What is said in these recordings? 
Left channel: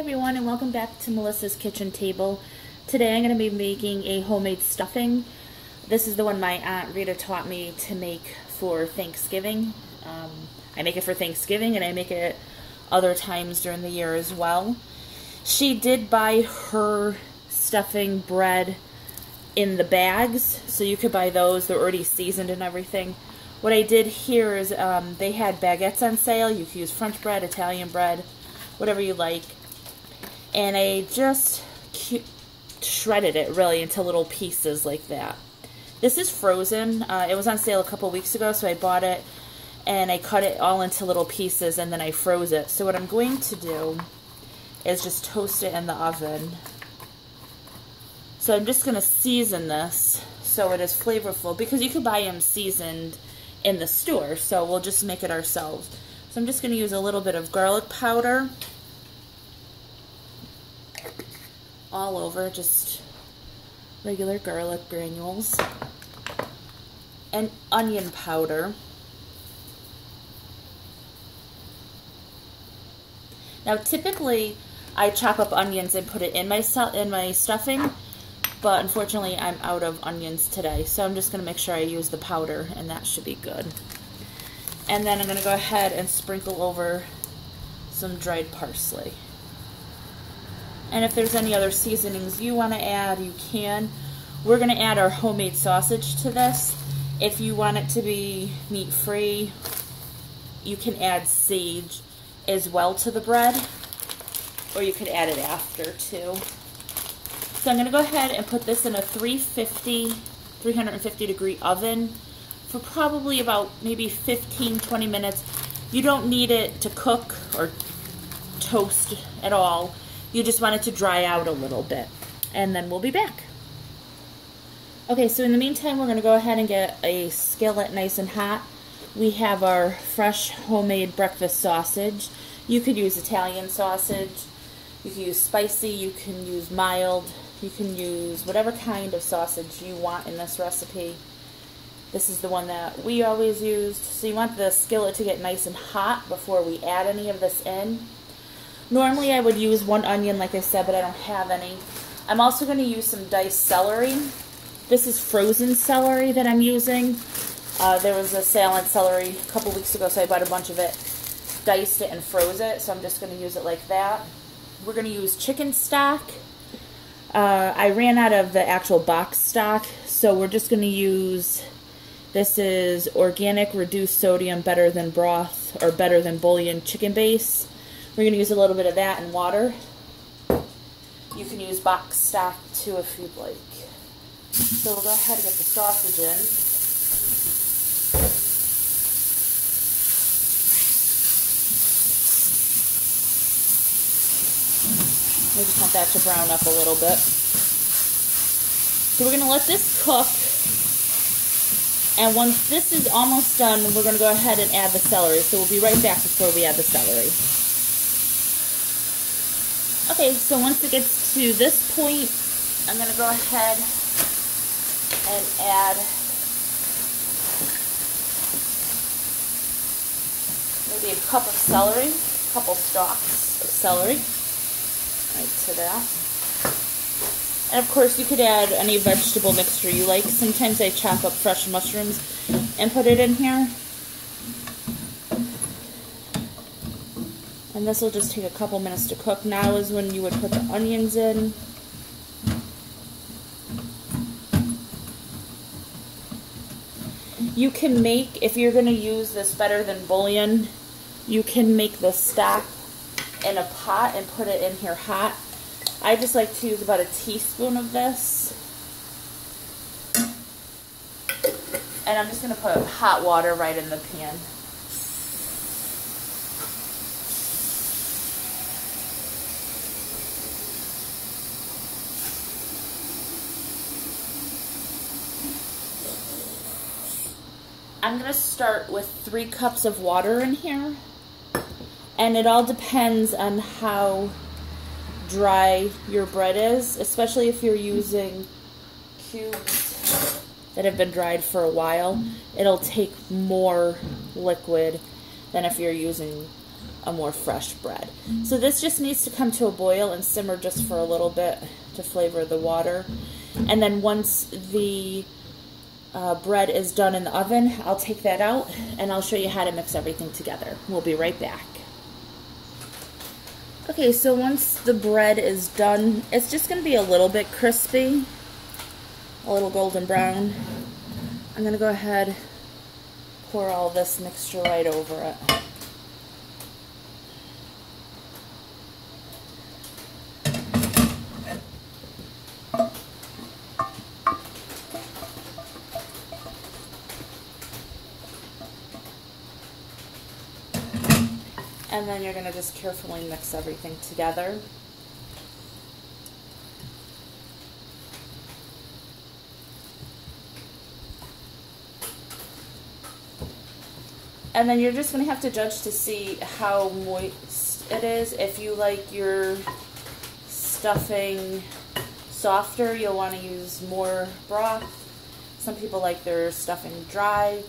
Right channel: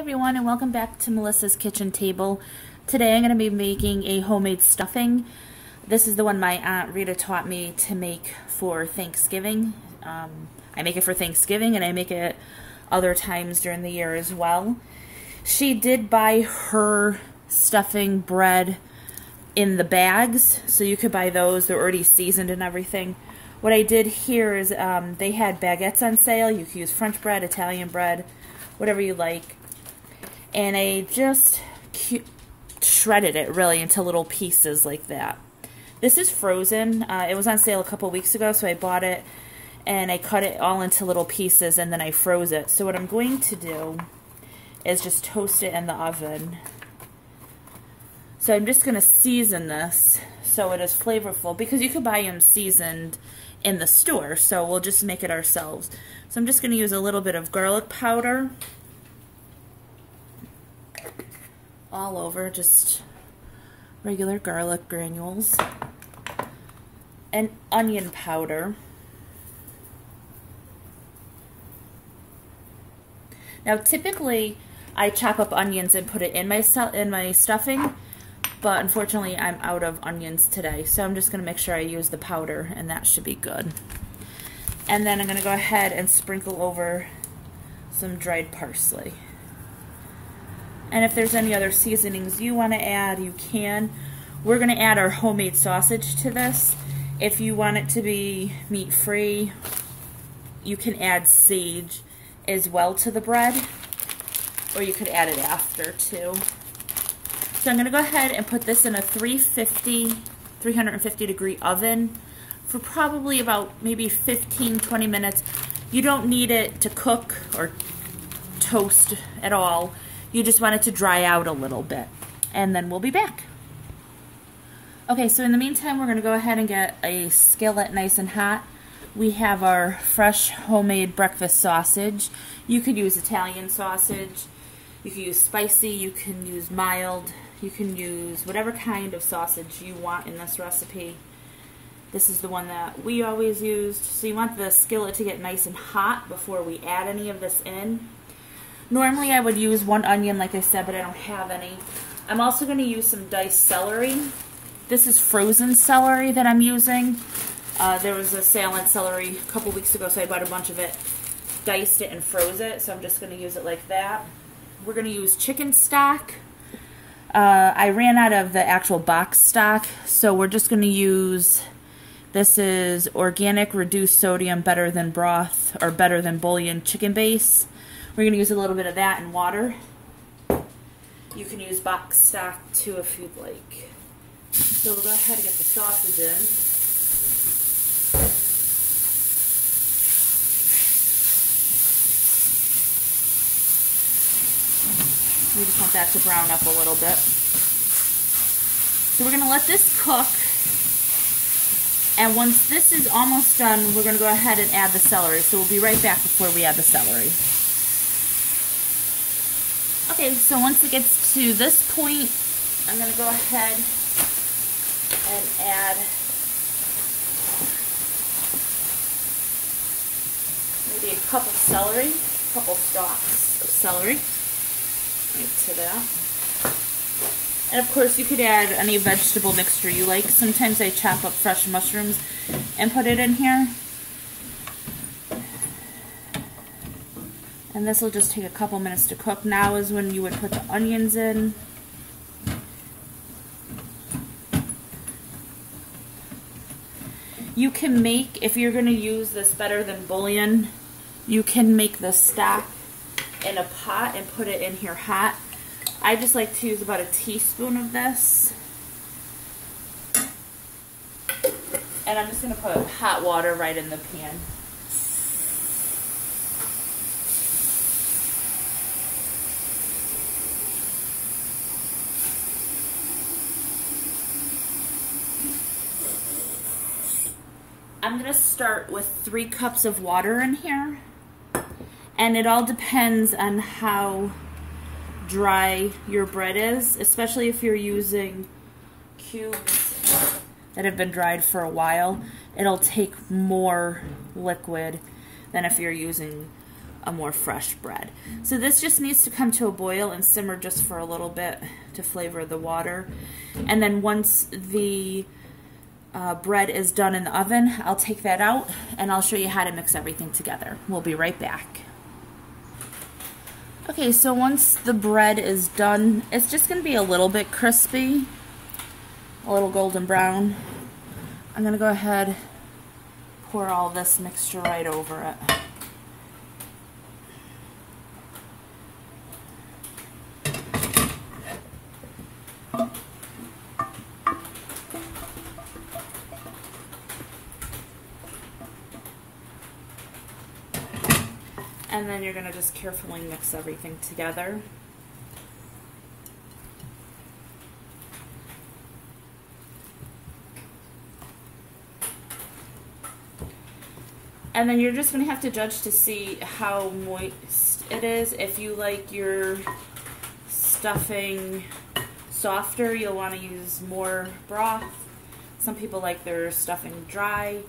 everyone, and welcome back to Melissa's Kitchen Table. Today I'm going to be making a homemade stuffing. This is the one my Aunt Rita taught me to make for Thanksgiving. I make it for Thanksgiving and I make it other times during the year as well. She did buy her stuffing bread in the bags, so you could buy those. They're already seasoned and everything. What I did here is they had baguettes on sale. You could use French bread, Italian bread, whatever you like. And I just shredded it really into little pieces like that. This is frozen. It was on sale a couple weeks ago, so I bought it and I cut it all into little pieces and then I froze it. So what I'm going to do is just toast it in the oven. So I'm just going to season this so it is flavorful, because you could buy them seasoned in the store, so we'll just make it ourselves. So I'm just going to use a little bit of garlic powder all over, just regular garlic granules, and onion powder. Now typically I chop up onions and put it in my stuffing, but unfortunately I'm out of onions today, so I'm just going to make sure I use the powder, and that should be good. And then I'm going to go ahead and sprinkle over some dried parsley. And if there's any other seasonings you want to add, you can. We're going to add our homemade sausage to this. If you want it to be meat-free, you can add sage as well to the bread, or you could add it after too. So I'm going to go ahead and put this in a 350 degree oven for probably about maybe 15-20 minutes. You don't need it to cook or toast at all. You just want it to dry out a little bit, and then we'll be back. Okay, so in the meantime, we're going to go ahead and get a skillet nice and hot. We have our fresh homemade breakfast sausage. You could use Italian sausage, you can use spicy, you can use mild, you can use whatever kind of sausage you want in this recipe. This is the one that we always used. So you want the skillet to get nice and hot before we add any of this in. Normally I would use one onion, like I said, but I don't have any. I'm also going to use some diced celery. This is frozen celery that I'm using. There was a sale on celery a couple weeks ago, so I bought a bunch of it, diced it, and froze it. So I'm just going to use it like that. We're going to use chicken stock. I ran out of the actual box stock, so we're just going to use, this is organic, reduced sodium, better than broth, or better than bouillon chicken base. We're going to use a little bit of that in water. You can use box stock too if you'd like. So we'll go ahead and get the sausage in. We just want that to brown up a little bit. So we're going to let this cook. And once this is almost done, we're going to go ahead and add the celery. So we'll be right back before we add the celery. Okay, so once it gets to this point, I'm going to go ahead and add maybe a cup of celery, a couple stalks of celery, right to that. And of course you could add any vegetable mixture you like. Sometimes I chop up fresh mushrooms and put it in here. And this will just take a couple minutes to cook. Now is when you would put the onions in. You can make, if you're going to use this better than bouillon, you can make the stock in a pot and put it in here hot. I just like to use about a teaspoon of this. And I'm just going to put hot water right in the pan. I'm going to start with 3 cups of water in here, and it all depends on how dry your bread is, especially if you're using cubes that have been dried for a while. It'll take more liquid than if you're using a more fresh bread. So this just needs to come to a boil and simmer just for a little bit to flavor the water. And then once the bread is done in the oven, I'll take that out and I'll show you how to mix everything together. We'll be right back. Okay, so once the bread is done, it's just going to be a little bit crispy, a little golden brown. I'm going to go ahead, pour all this mixture right over it. And then you're going to just carefully mix everything together. And then you're just going to have to judge to see how moist it is. If you like your stuffing softer, you'll want to use more broth. Some people like their stuffing dry.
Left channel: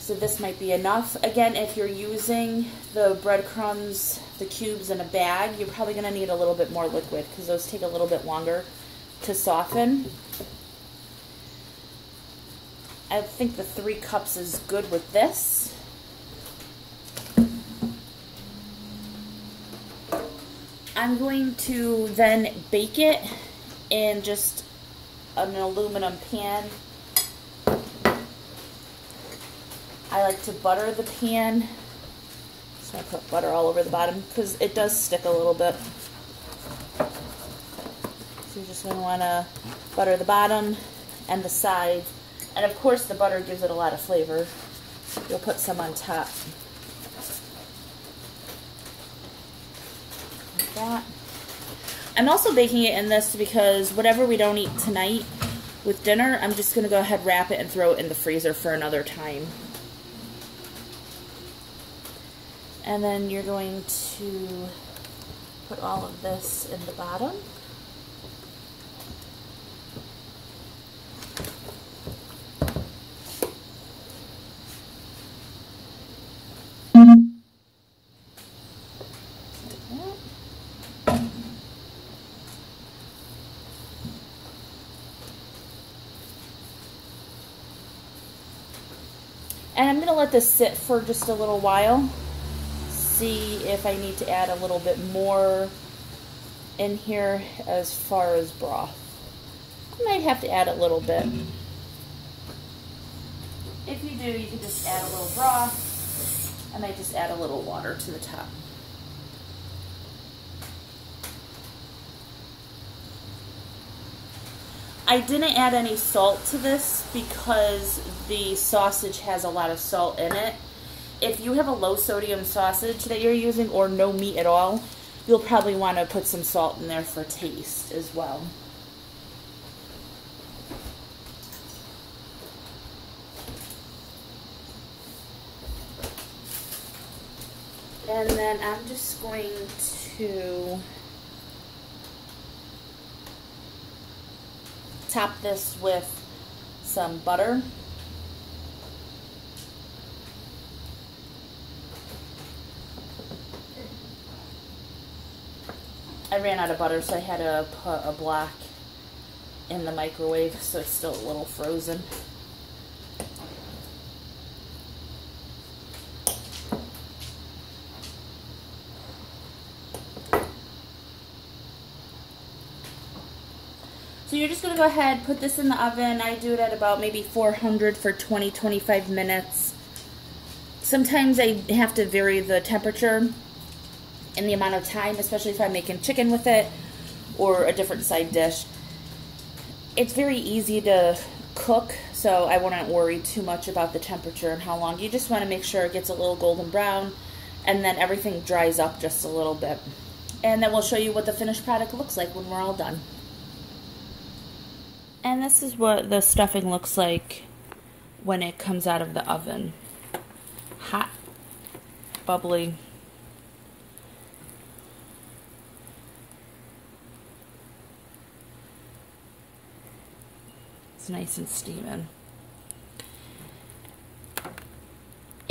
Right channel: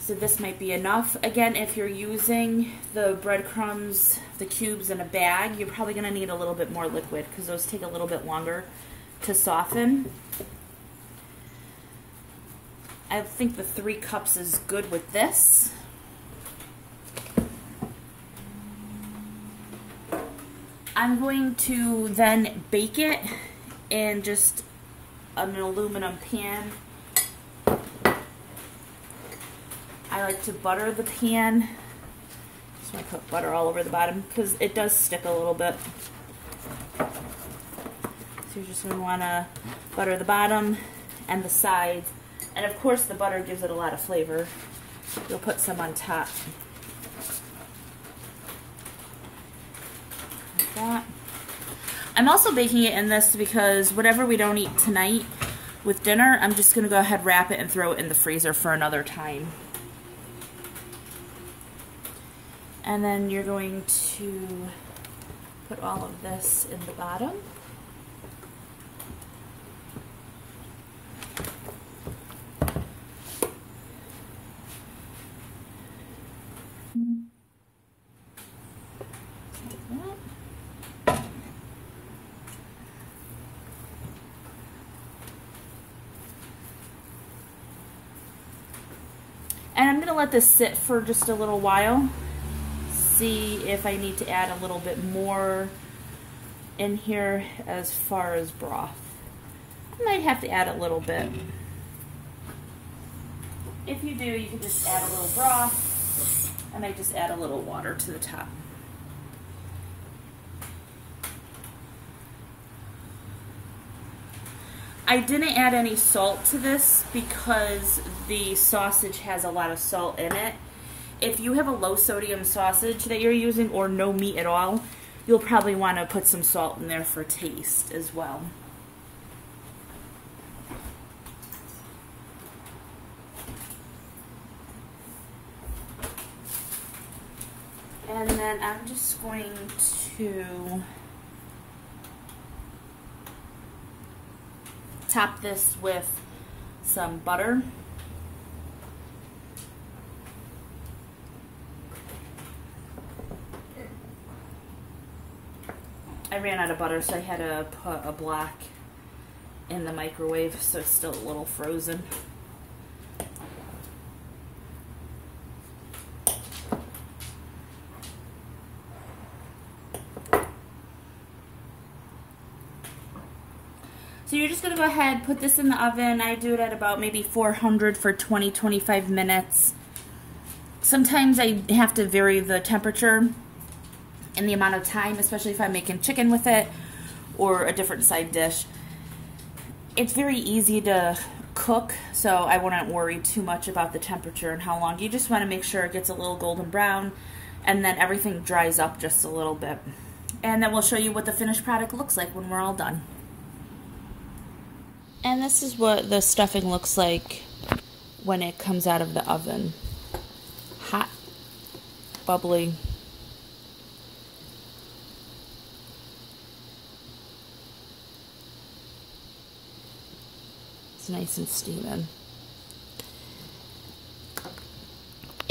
So this might be enough. Again, if you're using the breadcrumbs, the cubes in a bag, you're probably going to need a little bit more liquid because those take a little bit longer to soften. I think the 3 cups is good with this. I'm going to then bake it in just an aluminum pan. I like to butter the pan. Just want to put butter all over the bottom because it does stick a little bit. So you're just going to want to butter the bottom and the sides. And of course the butter gives it a lot of flavor. You'll put some on top. Like that. I'm also baking it in this because whatever we don't eat tonight with dinner, I'm just going to go ahead, wrap it, and throw it in the freezer for another time. And then you're going to put all of this in the bottom. And I'm going to let this sit for just a little while. See if I need to add a little bit more in here as far as broth. I might have to add a little bit. If you do, you can just add a little broth. I might just add a little water to the top. I didn't add any salt to this because the sausage has a lot of salt in it. If you have a low sodium sausage that you're using or no meat at all, you'll probably want to put some salt in there for taste as well. And then I'm just going to top this with some butter. I ran out of butter, so I had to put a block in the microwave, so it's still a little frozen. So you're just going to go ahead, put this in the oven. I do it at about maybe 400 for 20-25 minutes. Sometimes I have to vary the temperature and the amount of time, especially if I'm making chicken with it or a different side dish. It's very easy to cook, so I wouldn't worry too much about the temperature and how long. You just want to make sure it gets a little golden brown and then everything dries up just a little bit. And then we'll show you what the finished product looks like when we're all done. And this is what the stuffing looks like when it comes out of the oven. Hot, bubbly. It's nice and steaming.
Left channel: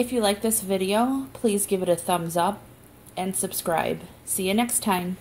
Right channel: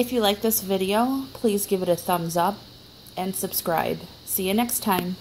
If you like this video, please give it a thumbs up and subscribe. See you next time.